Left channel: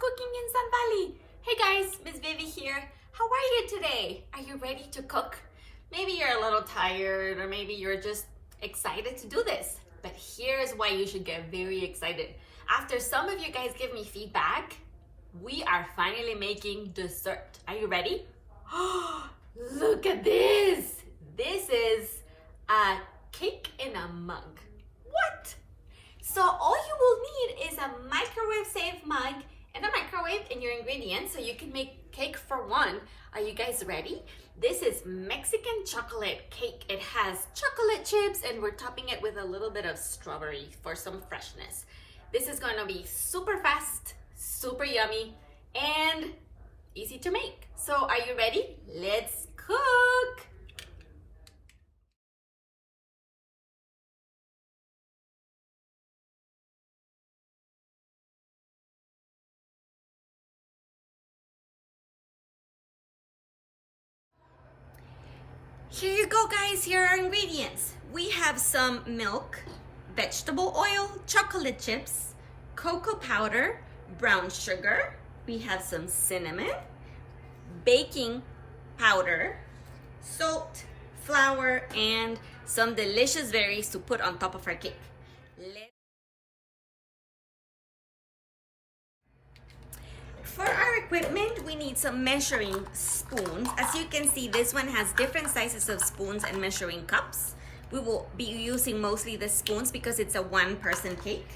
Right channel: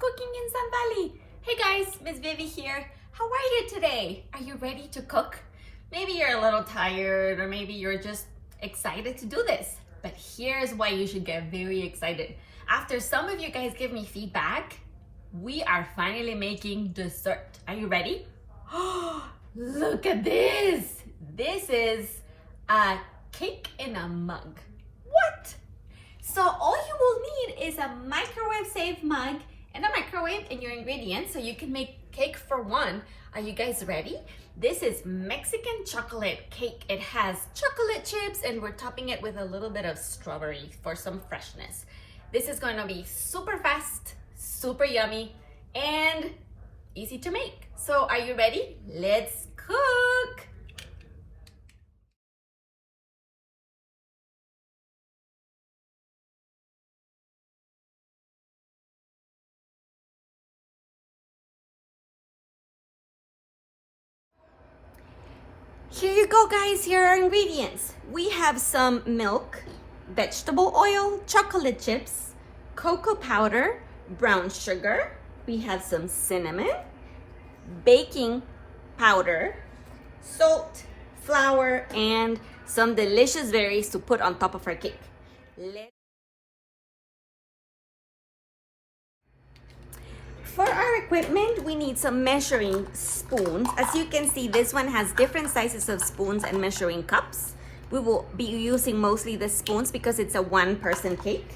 Cooking in Sun Valley. Hey guys, Miss Vivi here. How are you today? Are you ready to cook? Maybe you're a little tired or maybe you're just excited to do this. But here's why you should get very excited. After some of you guys give me feedback, we are finally making dessert. Are you ready? Oh, look at this. This is a cake in a mug. What? So all you will need is a microwave safe mug and a microwave and your ingredients so you can make cake for one. Are you guys ready? This is Mexican chocolate cake. It has chocolate chips and we're topping it with a little bit of strawberry for some freshness. This is going to be super fast, super yummy, and easy to make. So are you ready? Let's cook! Here you go guys, here are ingredients. We have some milk, vegetable oil, chocolate chips, cocoa powder, brown sugar. We have some cinnamon, baking powder, salt, flour, and some delicious berries to put on top of our cake. For our equipment, we need some measuring spoons. As you can see, this one has different sizes of spoons and measuring cups. We will be using mostly the spoons because it's a one-person cake.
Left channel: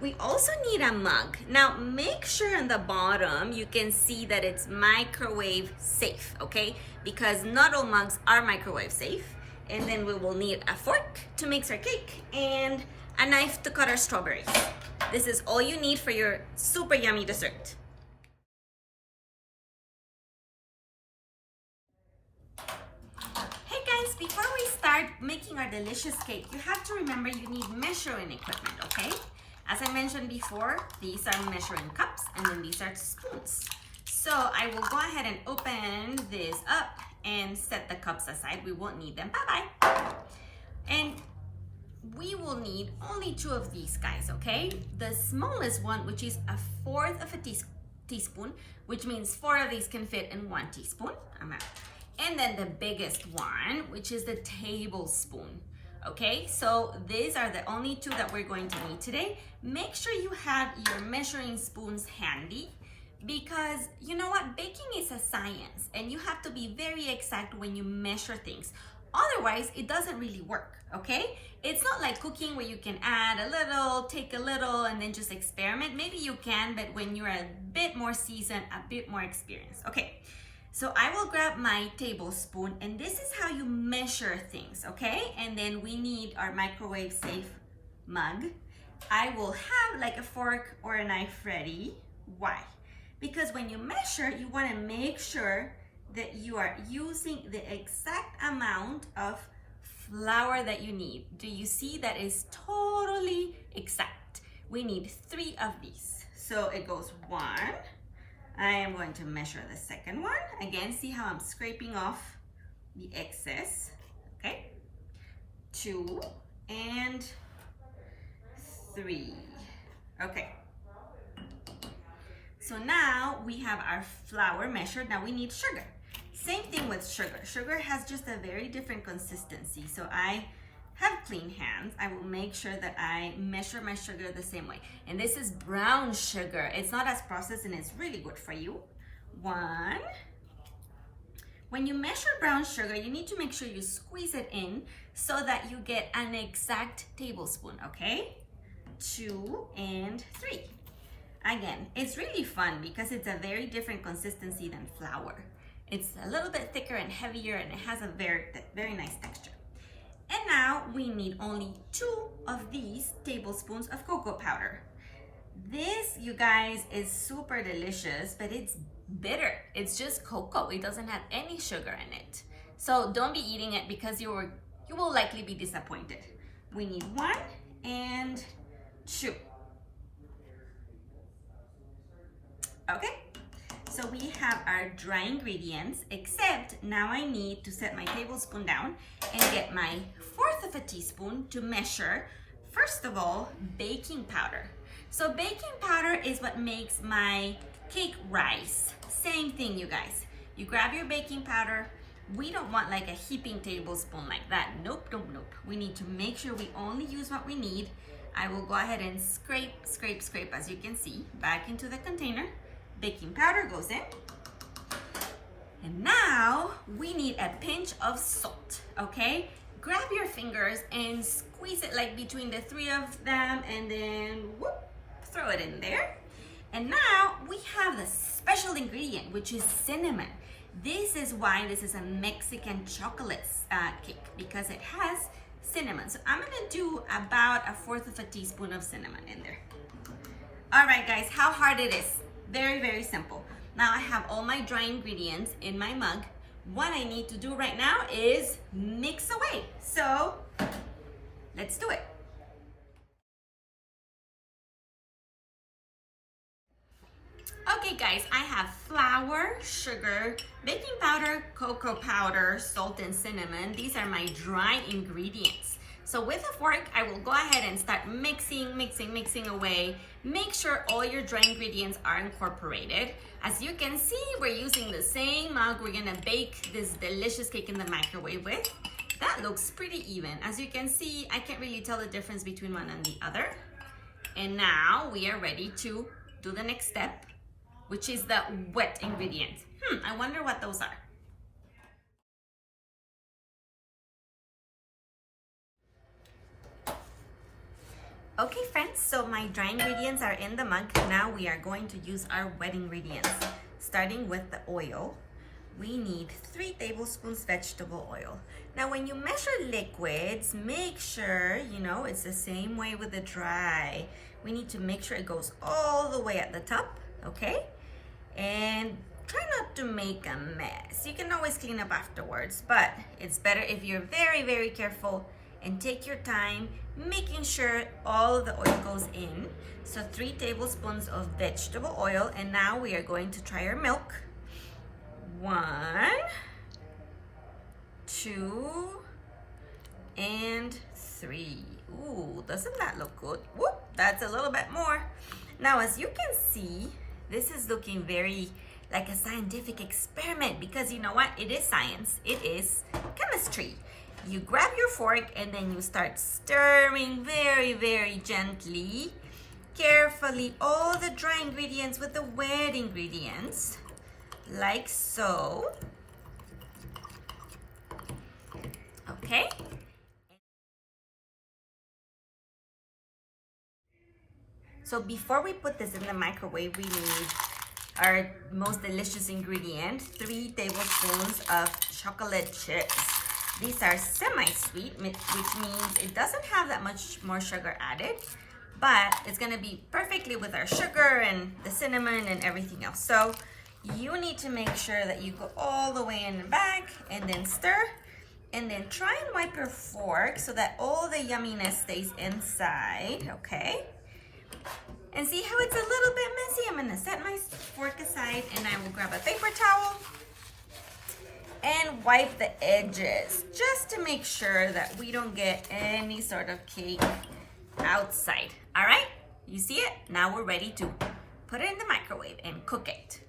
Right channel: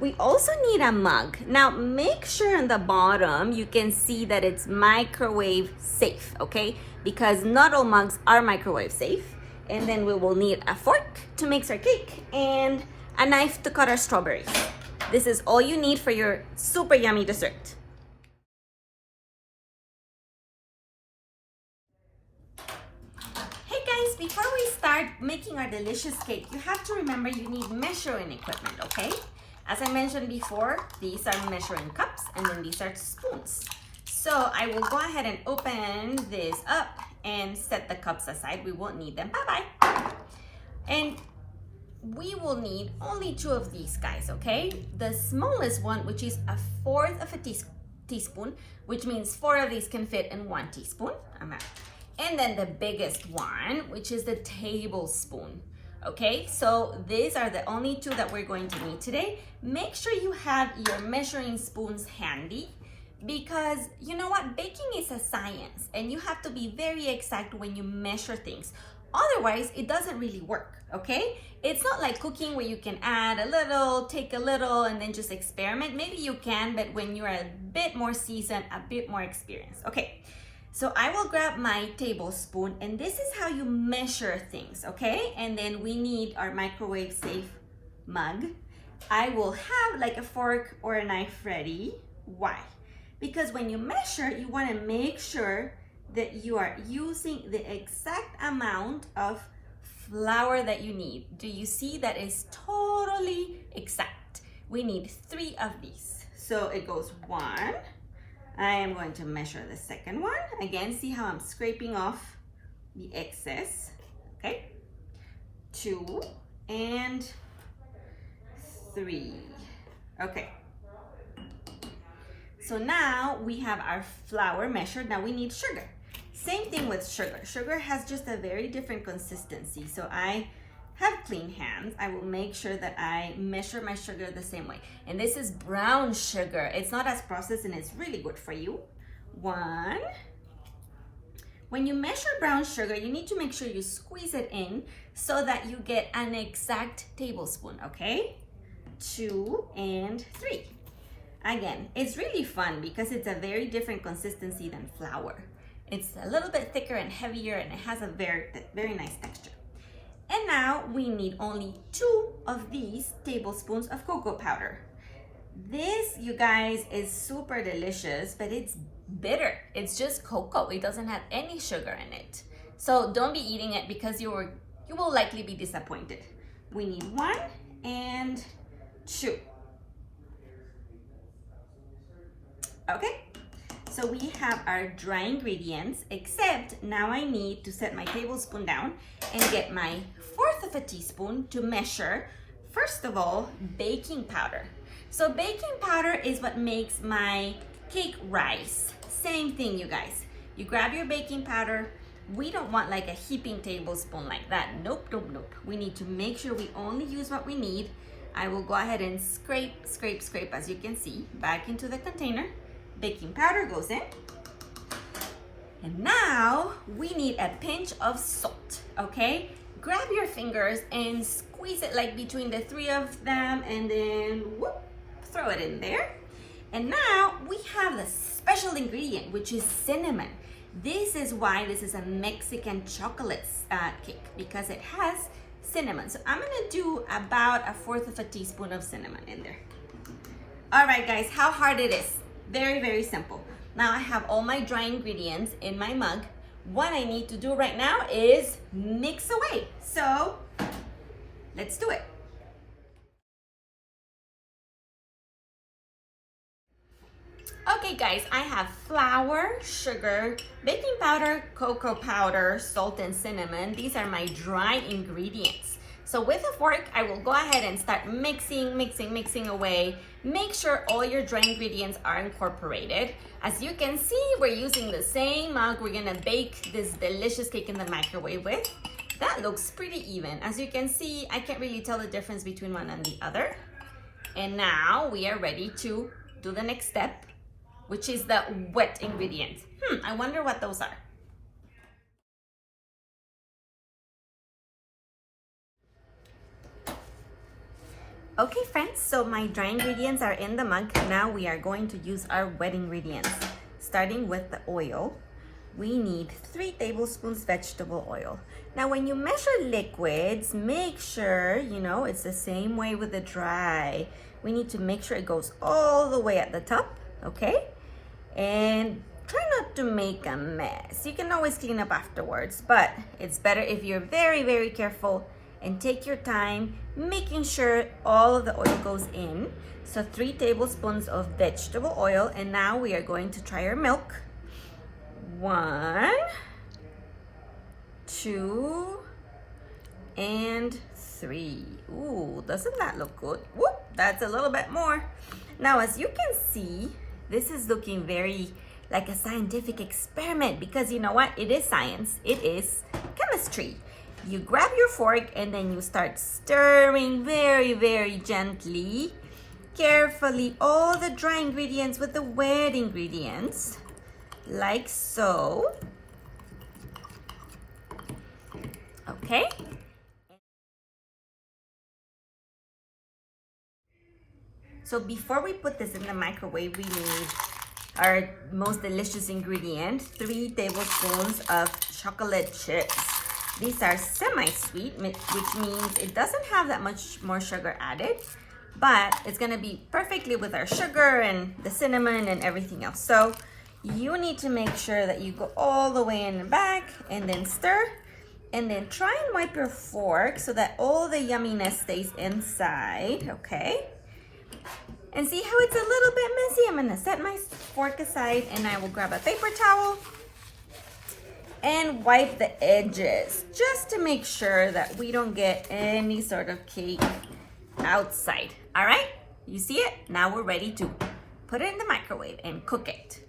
We also need a mug. Now, make sure on the bottom you can see that it's microwave safe, okay? Because not all mugs are microwave safe. And then we will need a fork to mix our cake and a knife to cut our strawberries. This is all you need for your super yummy dessert. Before we start making our delicious cake, you have to remember you need measuring equipment, okay? As I mentioned before, these are measuring cups and then these are spoons. So I will go ahead and open this up and set the cups aside. We won't need them. Bye-bye. And we will need only 2 of these guys, okay? The smallest one, which is 1/4 of a teaspoon, which means 4 of these can fit in 1 teaspoon. And then the biggest one, which is the tablespoon. Okay, so these are the only 2 that we're going to need today. Make sure you have your measuring spoons handy because you know what? Baking is a science and you have to be very exact when you measure things. Otherwise, it doesn't really work, okay? It's not like cooking where you can add a little, take a little, and then just experiment. Maybe you can, but when you're a bit more seasoned, a bit more experienced. Okay. So I will grab my tablespoon and this is how you measure things, okay? And then we need our microwave safe mug. I will have like a fork or a knife ready. Why? Because when you measure, you want to make sure that you are using the exact amount of flour that you need. Do you see that is totally exact? We need 3 of these. So it goes 1. I am going to measure the second one. Again, see how I'm scraping off the excess, okay? 2 and 3, okay. So now we have our flour measured. Now we need sugar. Same thing with sugar. Sugar has just a very different consistency. So I have clean hands. I will make sure that I measure my sugar the same way. And this is brown sugar. It's not as processed and it's really good for you. 1. When you measure brown sugar, you need to make sure you squeeze it in so that you get an exact tablespoon, okay? 2 and 3. Again, it's really fun because it's a very different consistency than flour. It's a little bit thicker and heavier and it has a very nice texture. And now we need only 2 of these tablespoons of cocoa powder. This, you guys, is super delicious, but it's bitter. It's just cocoa. It doesn't have any sugar in it. So don't be eating it because you will likely be disappointed. We need 1 and 2. Okay, so we have our dry ingredients, except now I need to set my tablespoon down and get my 1/4 of a teaspoon to measure, first of all, baking powder. So baking powder is what makes my cake rice. Same thing, you guys. You grab your baking powder. We don't want like a heaping tablespoon like that. Nope, nope, nope. We need to make sure we only use what we need. I will go ahead and scrape, scrape, scrape, as you can see, back into the container. Baking powder goes in. And now we need a pinch of salt, okay? Grab your fingers and squeeze it like between the three of them, and then whoop, throw it in there. And now we have the special ingredient, which is cinnamon. This is why this is a Mexican chocolate cake, because it has cinnamon. So I'm gonna do about 1/4 of a teaspoon of cinnamon in there. All right, guys, how hard it is? Very, very simple. Now I have all my dry ingredients in my mug. What I need to do right now is mix away. So let's do it. Okay guys, I have flour, sugar, baking powder, cocoa powder, salt, and cinnamon. These are my dry ingredients. So with a fork, I will go ahead and start mixing, mixing, mixing away. Make sure all your dry ingredients are incorporated. As you can see, we're using the same mug we're gonna bake this delicious cake in the microwave with. That looks pretty even. As you can see, I can't really tell the difference between one and the other. And now we are ready to do the next step, which is the wet ingredients. I wonder what those are. Okay friends, so my dry ingredients are in the mug. Now we are going to use our wet ingredients. Starting with the oil, we need 3 tablespoons vegetable oil. Now when you measure liquids, make sure, you know, it's the same way with the dry. We need to make sure it goes all the way at the top, okay? And try not to make a mess. You can always clean up afterwards, but it's better if you're very, very careful and take your time making sure all of the oil goes in. So 3 tablespoons of vegetable oil, and now we are going to try our milk. 1, 2, and 3. Ooh, doesn't that look good? Whoop, that's a little bit more. Now, as you can see, this is looking very like a scientific experiment, because you know what? It is science. It is chemistry. You grab your fork and then you start stirring very, very gently, carefully, all the dry ingredients with the wet ingredients, like so. Okay. So before we put this in the microwave, we need our most delicious ingredient, 3 tablespoons of chocolate chips. These are semi-sweet, which means it doesn't have that much more sugar added, but it's gonna be perfectly with our sugar and the cinnamon and everything else. So you need to make sure that you go all the way in the back and then stir, and then try and wipe your fork so that all the yumminess stays inside, okay? And see how it's a little bit messy? I'm gonna set my fork aside and I will grab a paper towel and wipe the edges just to make sure that we don't get any sort of cake outside. All right, you see it? Now we're ready to put it in the microwave and cook it.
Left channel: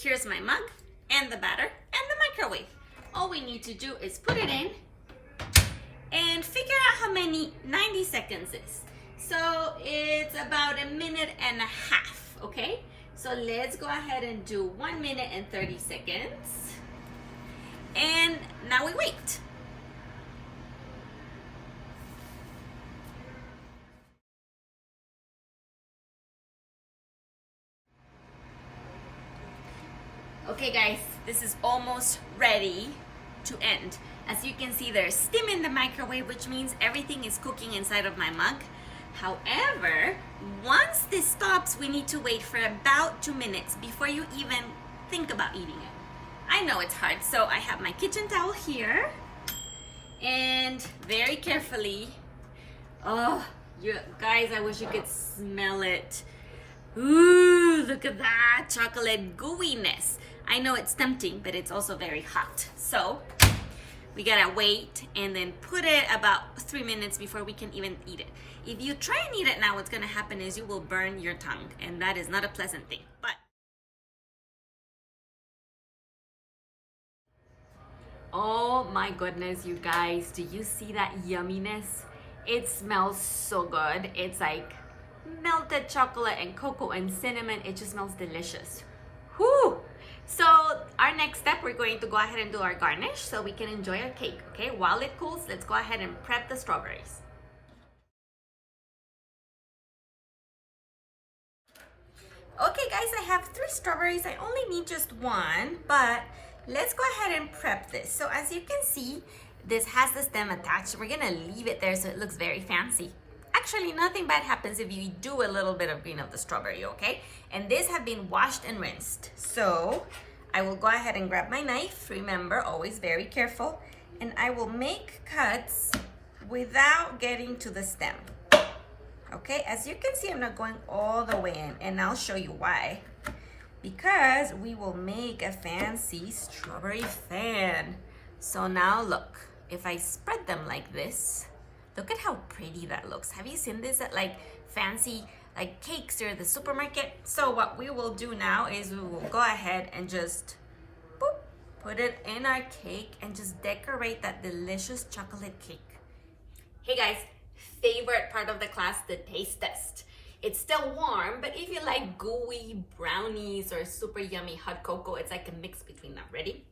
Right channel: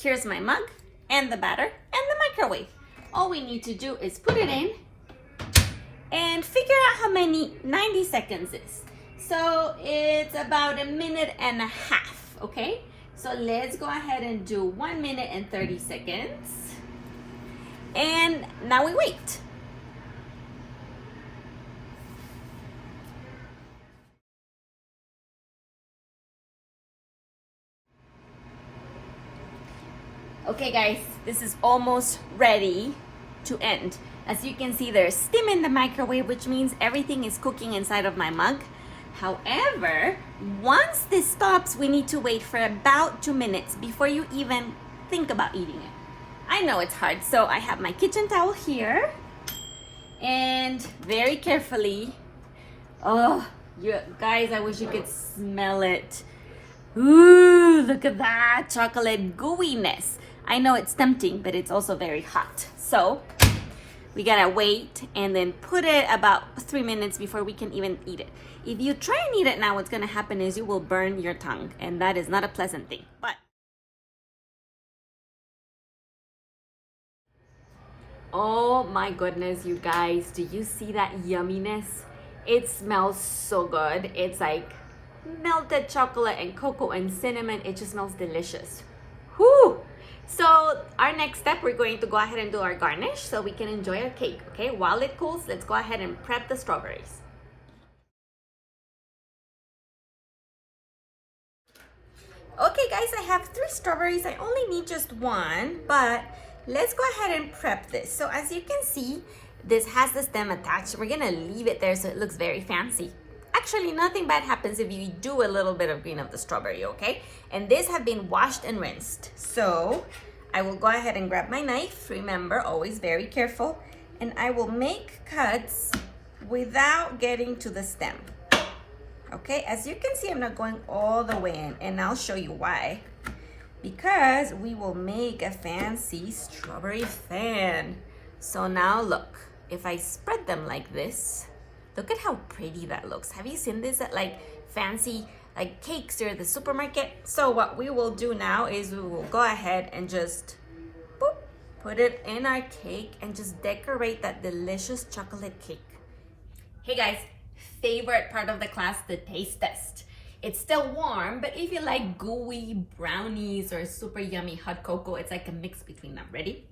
Here's my mug and the batter and the microwave. All we need to do is put it in and figure out how many 90 seconds is. So it's about 1.5 minutes, okay? So let's go ahead and do 1 minute and 30 seconds. And now we wait. Okay guys, this is almost ready to end. As you can see, there's steam in the microwave, which means everything is cooking inside of my mug. However, once this stops, we need to wait for about 2 minutes before you even think about eating it. I know it's hard, so I have my kitchen towel here, and very carefully, oh, you guys, I wish you could smell it. Ooh, look at that chocolate gooiness. I know it's tempting, but it's also very hot. So We gotta wait and then put it about 3 minutes before we can even eat it. If you try and eat it now, what's gonna happen is you will burn your tongue, and that is not a pleasant thing. But oh my goodness, you guys, do you see that yumminess? It smells so good. It's like melted chocolate and cocoa and cinnamon. It just smells delicious. Whew! So our next step, we're going to go ahead and do our garnish so we can enjoy our cake, okay? While it cools, let's go ahead and prep the strawberries. Okay guys, I have 3 strawberries. I only need just 1, but let's go ahead and prep this. So as you can see, this has the stem attached. We're gonna leave it there so it looks very fancy. Actually, nothing bad happens if you do a little bit of green of the strawberry, okay? And these have been washed and rinsed. So I will go ahead and grab my knife. Remember, always very careful. And I will make cuts without getting to the stem. Okay, as you can see, I'm not going all the way in, and I'll show you why. Because we will make a fancy strawberry fan. So now look, if I spread them like this, look at how pretty that looks. Have you seen this at like fancy like cakes or the supermarket? So what we will do now is we will go ahead and just boop, put it in our cake and just decorate that delicious chocolate cake. Hey guys, favorite part of the class, the taste test. It's still warm, but if you like gooey brownies or super yummy hot cocoa, it's like a mix between them. Ready?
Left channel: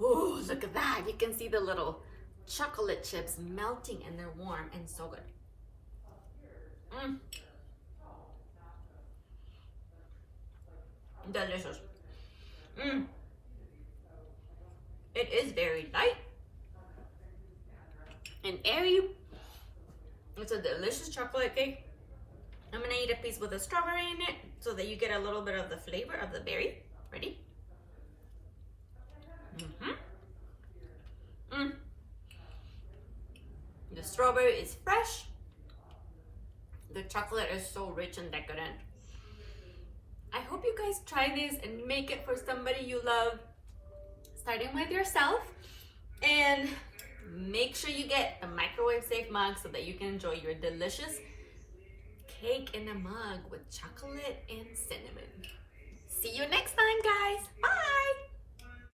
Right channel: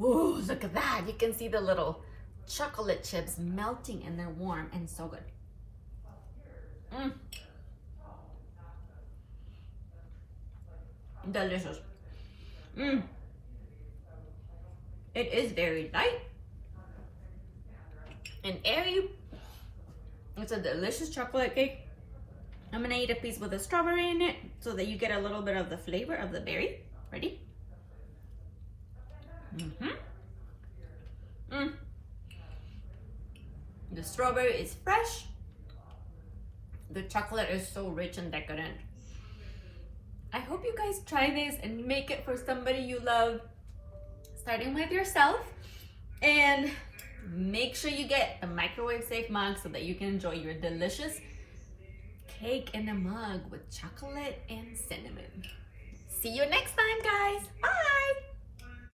Oh, look at that. You can see the little chocolate chips melting and they're warm and so good. Delicious. It is very light and airy. It's a delicious chocolate cake. I'm gonna eat a piece with a strawberry in it so that you get a little bit of the flavor of the berry. Ready? The strawberry is fresh. The chocolate is so rich and decadent. I hope you guys try this and make it for somebody you love, starting with yourself. And make sure you get a microwave safe mug so that you can enjoy your delicious cake in a mug with chocolate and cinnamon. See you next time, guys. Bye.